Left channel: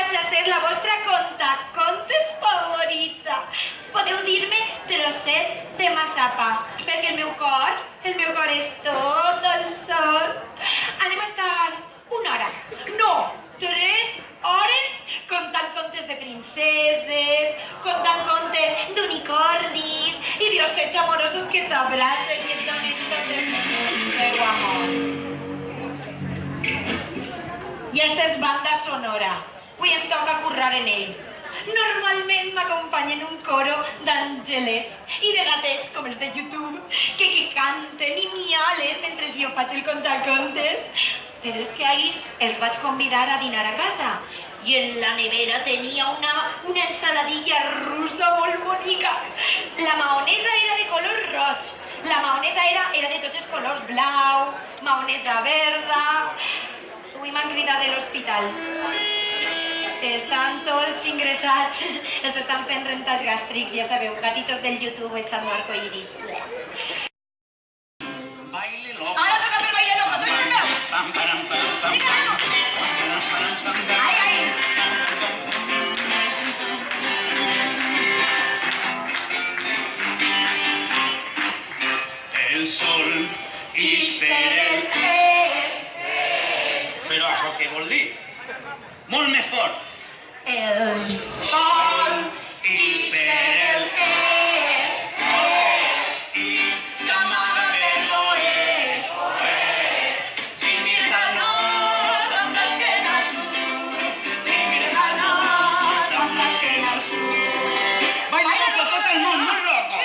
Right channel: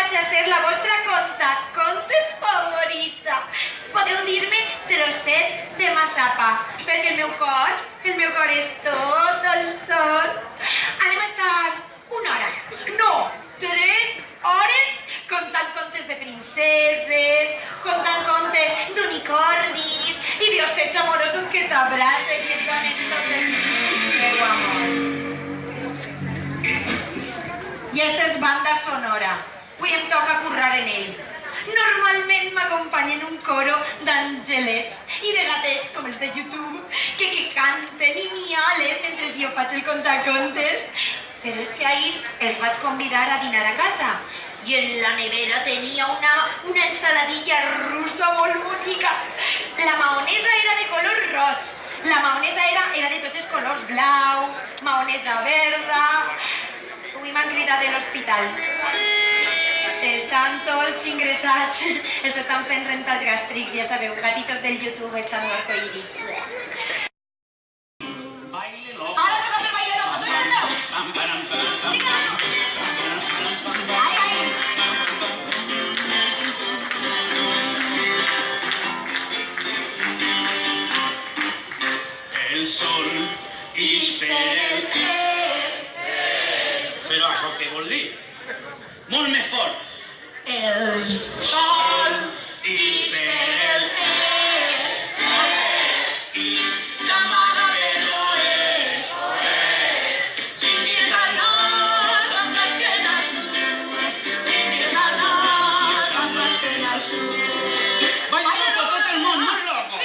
vaig a ser la vostra contacontes favorita. Podeu dir-me trosset de massapà, perquè el meu cor és tot el son. Anem a estar una hora, no, 3 hores, contant contes de princeses, contant contes d'unicornis i diosets amorosos que t'abracen i et donen tot el seu amor. I esta és banda sonora. Avui em toca currar en ell. Normalment m'acompanyen un coro d'angelets i de gatets com els de YouTube que canten i miales mentre jo faig el contacontes. Però és que ahir els vaig convidar a dinar a casa i en la nevera tenia una ensaladilla russa molt bonica. La maonesa era de color roig, la maonesa era de tots els colors, blau, maonesa verda. Avui m'han cridat de l'hospital. Estan tots ingressats, els estan fent rentats gàstrics, ja sabeu, gatitos del YouTube echando arcoiris. Baile loco. Ara toca per baile loco, tu el meu? Pam, param, param, pam, Vinga, pam, no. param, param, pam, pam. Ai, ai. El sol ix per el Però això què vol dir? Molt més fort. El sol Ix per el i s'amaga per l'oest. Si mires al nord, amb l'esquena al sud. Si mires al nord, amb l'esquena al sud. Baila loco, tot el món, molt loco.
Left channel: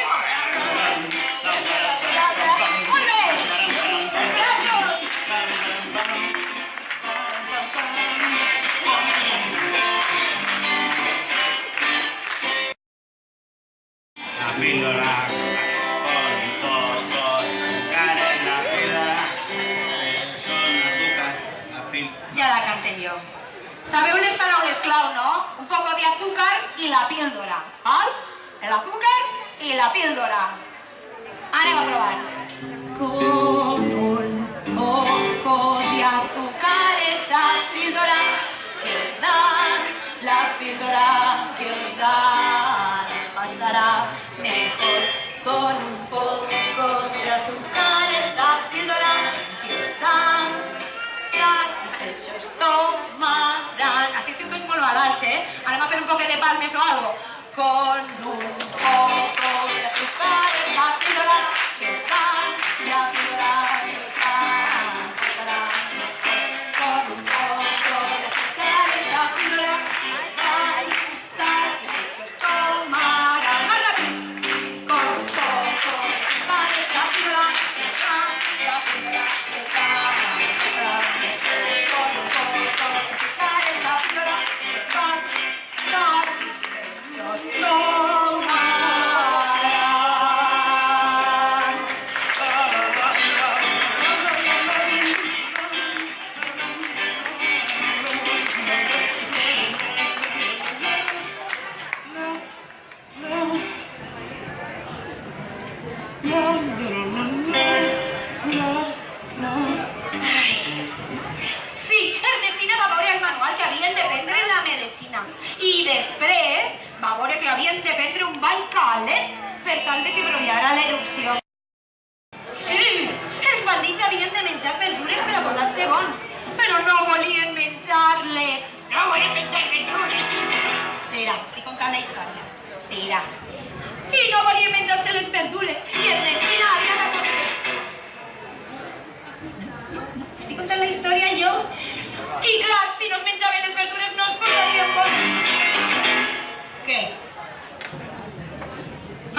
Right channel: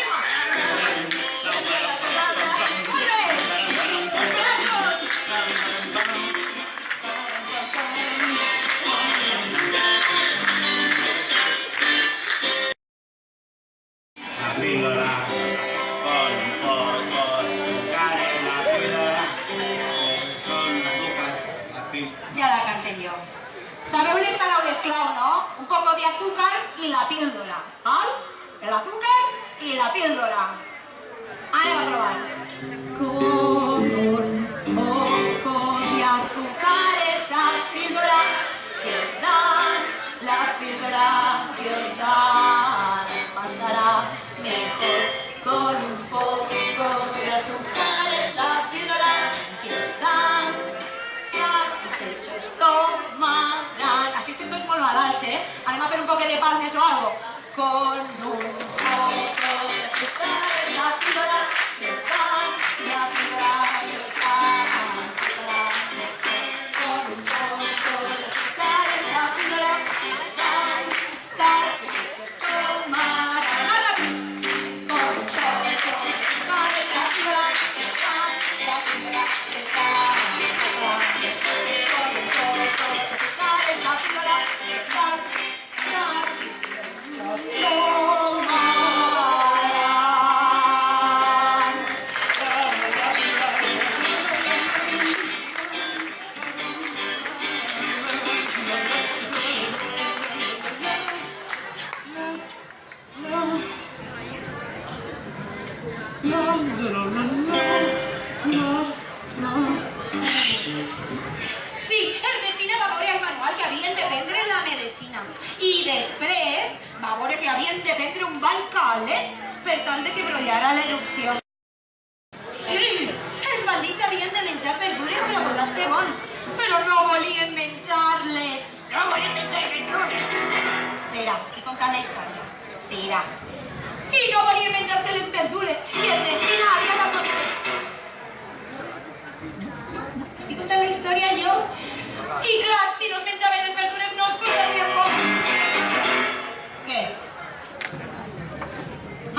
La píldora con un poco de azúcar en la píldora. Con azúcar, la píldora. Ja la cantem jo. Sabeu les paraules clau, no? Un poco de azúcar y la píldora. ¿Val? El azúcar y la píldora. Anem a provar. Con un poco de azúcar esa píldora que os dan, la píldora que os dan pasará mejor. Con un poco de azúcar esa píldora que os dan, satisfechos tomarán. Así que esto es molt malalt, Anem a fer un poquet de palmes o algo. Con un poco de azúcar esa píldora que os dan, la píldora que os dan pasará mejor. Con un poco de azúcar esa píldora que os dan, satisfechos tomarán. Más rápido. Con un poco de azúcar esa píldora que os dan, la píldora que os dan pasará mejor. Con un poco de azúcar esa píldora que os dan, satisfechos tomarán. Sí, Ernestina va veure el manual que havien de prendre la medicina i després va veure que havien de prendre un bany calent per tal de que brollara l'erupció. Sí, els bandits havien de menjar verdures per a posar-se bons, però no volien menjar-les. No volien menjar verdures. Espera, estic contant la història. Espera. I no volien menjar-se les verdures i Ernestina havia d'aconseguir. Estic contant la història jo. I clar, si no es menjaven les verdures no es posarien bons. Què?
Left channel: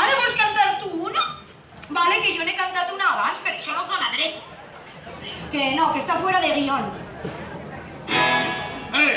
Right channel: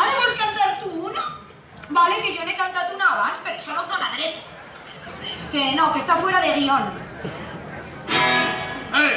Ara vols cantar tu una? Vale, que jo n'he cantat una abans, però això no et dona dret. Que no, que està fuera de guión. ¡Hey!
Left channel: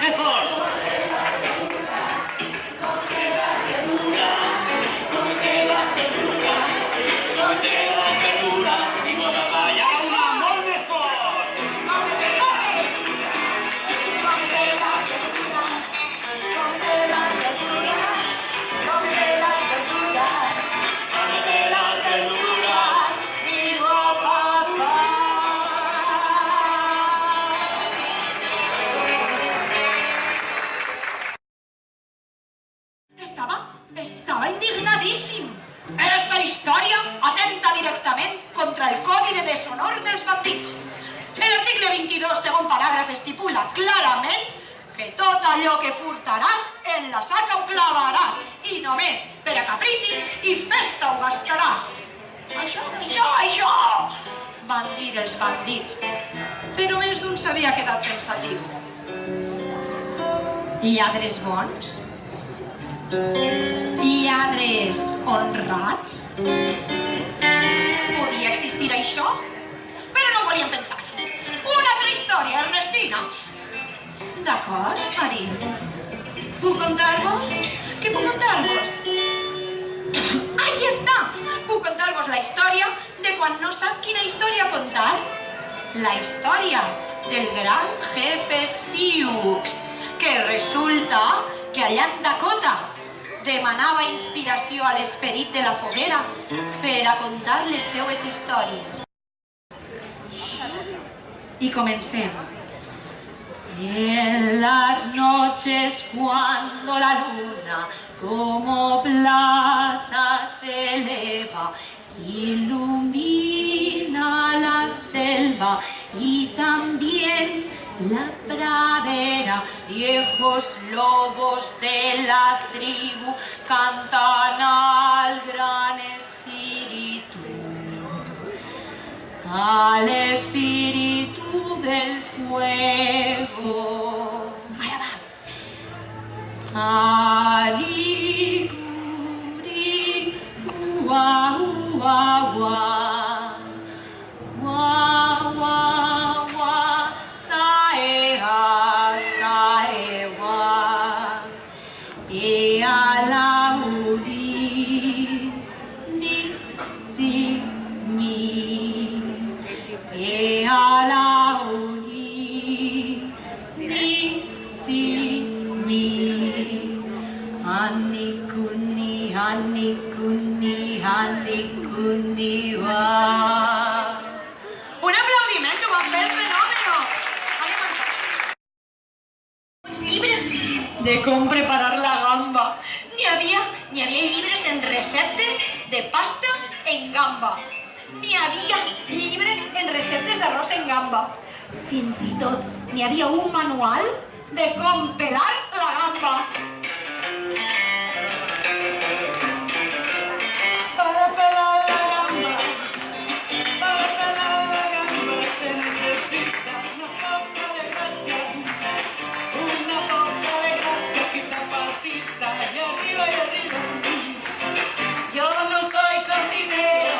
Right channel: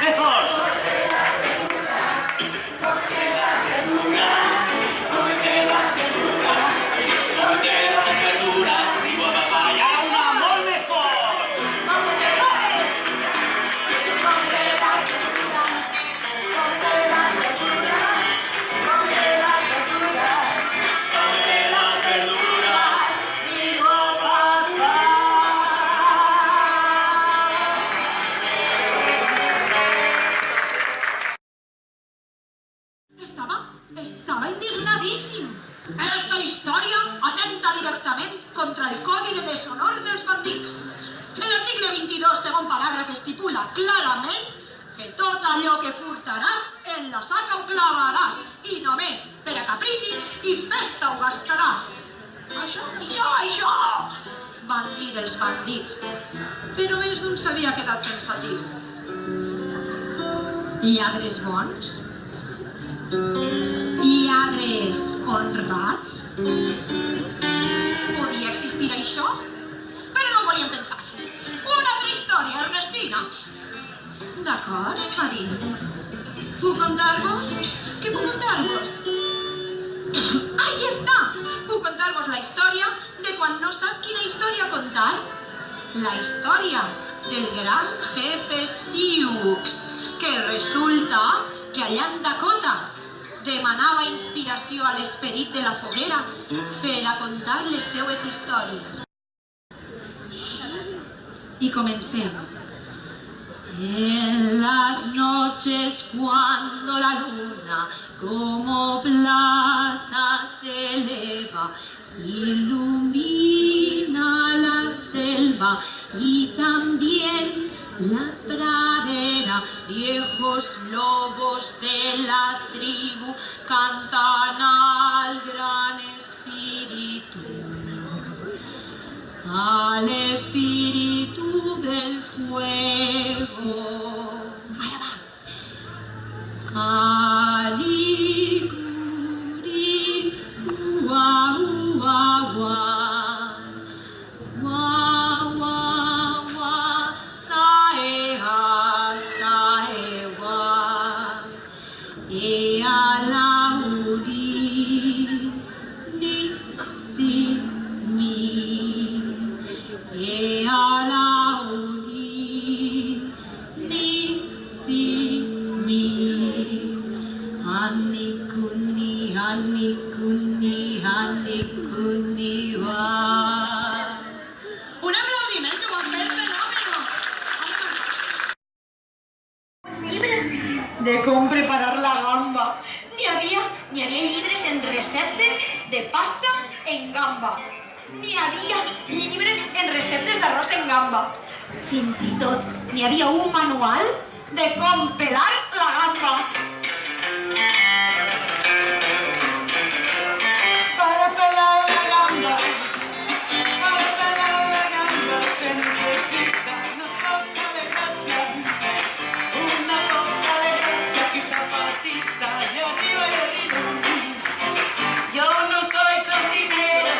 ¡Mejor! Estava indignadíssim. Esta història atenta directament contra el Codi de Deshonor dels bandits. L'article 22, segon paràgraf, estipula clarament que tot allò que furtaràs en la saca ho clavaràs i només per a capricis i festa ho gastaràs. Això, van dir els bandits. Però més d'un s'havia quedat pensatiu. Lladres bons? Lladres honrats? Podia existir això? Però no ho volien pensar. Una altra història, Ernestina. D'acord, es va dir. Puc contar-vos? Què puc contar-vos? Ahí està! Puc contar-vos la història de quan no saps quina història contar. La història del gran jefe Sioux, que resulta que allà en Dakota demanava inspiració a l'esperit de la foguera per a contar les seues històries. Y comencemos. En las noches cuando la luna como plata se eleva, ilumina la selva y también la pradera, viejos lobos de la tribu cantan al gran espíritu. Al espíritu del fuego. Ahora va. Aliguri, ua, ua, ua. Ua, ua, ua. Saea, saewa. E alaudi, ni, si, ni. E alaudi, ni, si, mi. Hani kuni, hani kuni, hani kuni, wa. Un aplaudimiento con el fenómeno. Libres de cómo preparar la gamba. Ni había libres en receptes de pasta en gamba. Ni havia llibres en receptes d'arròs en gamba. Fins i tot n'hi havia un manual de com pelar la gamba. Para pelar la gamba, se necesita una poca de gracia. Una poca de gracia, quita patita y arriba y arriba. Yo no soy cocinero.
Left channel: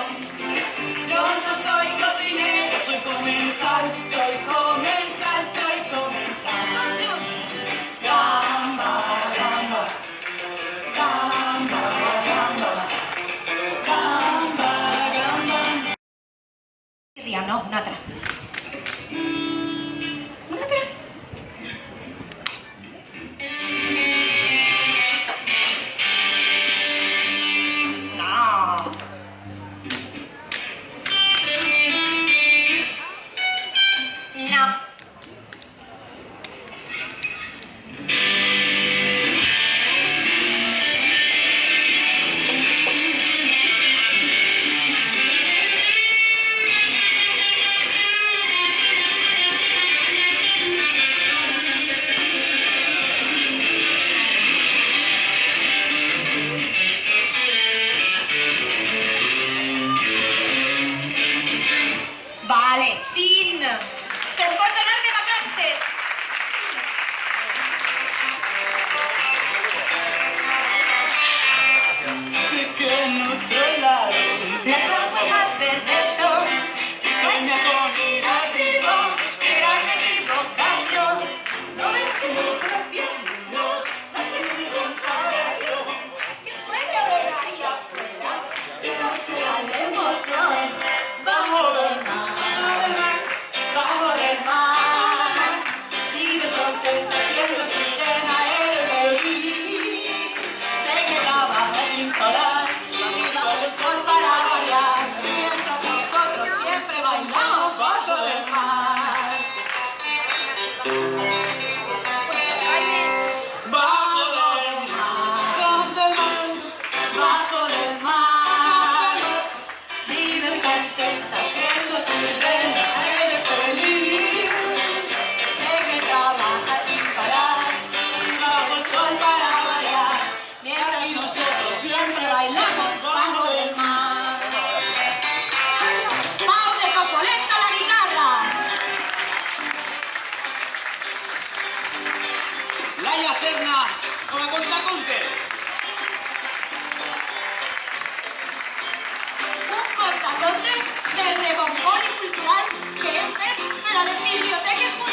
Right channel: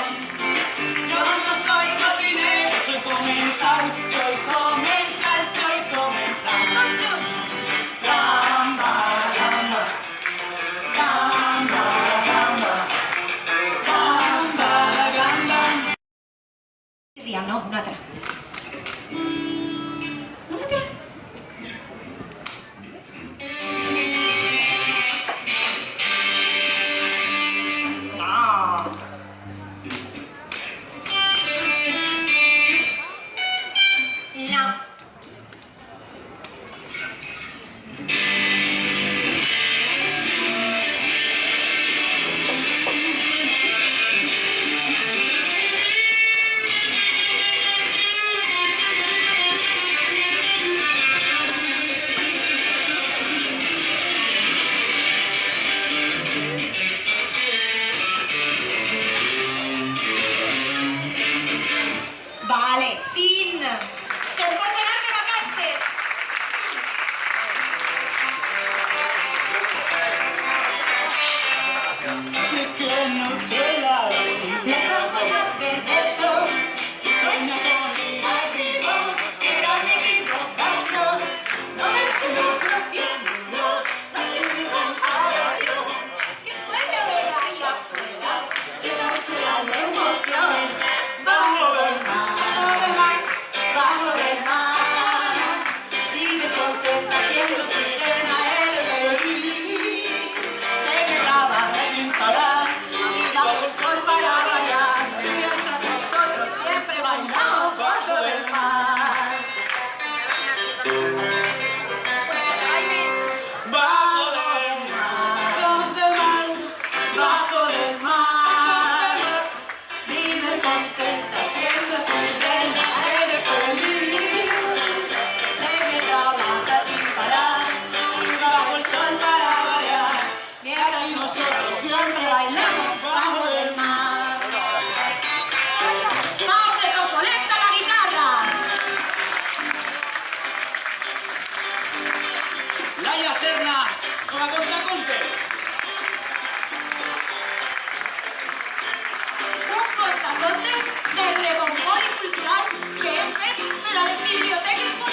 Yo no soy cocinero, soy comensal, soy comensal, soy comensal. Bajo del mar, bajo del mar, vives contenta, siendo serena, eres feliz. Sé que trabajas sin parar y bajo el sol para variar, mientras nosotros siempre bailamos bajo del mar. Pau de Cofolets a la guitarra. Laia Serna, con la cortaconte. Un cortaconte de rebombori cultural que hem fet per a les biblioteques municipals.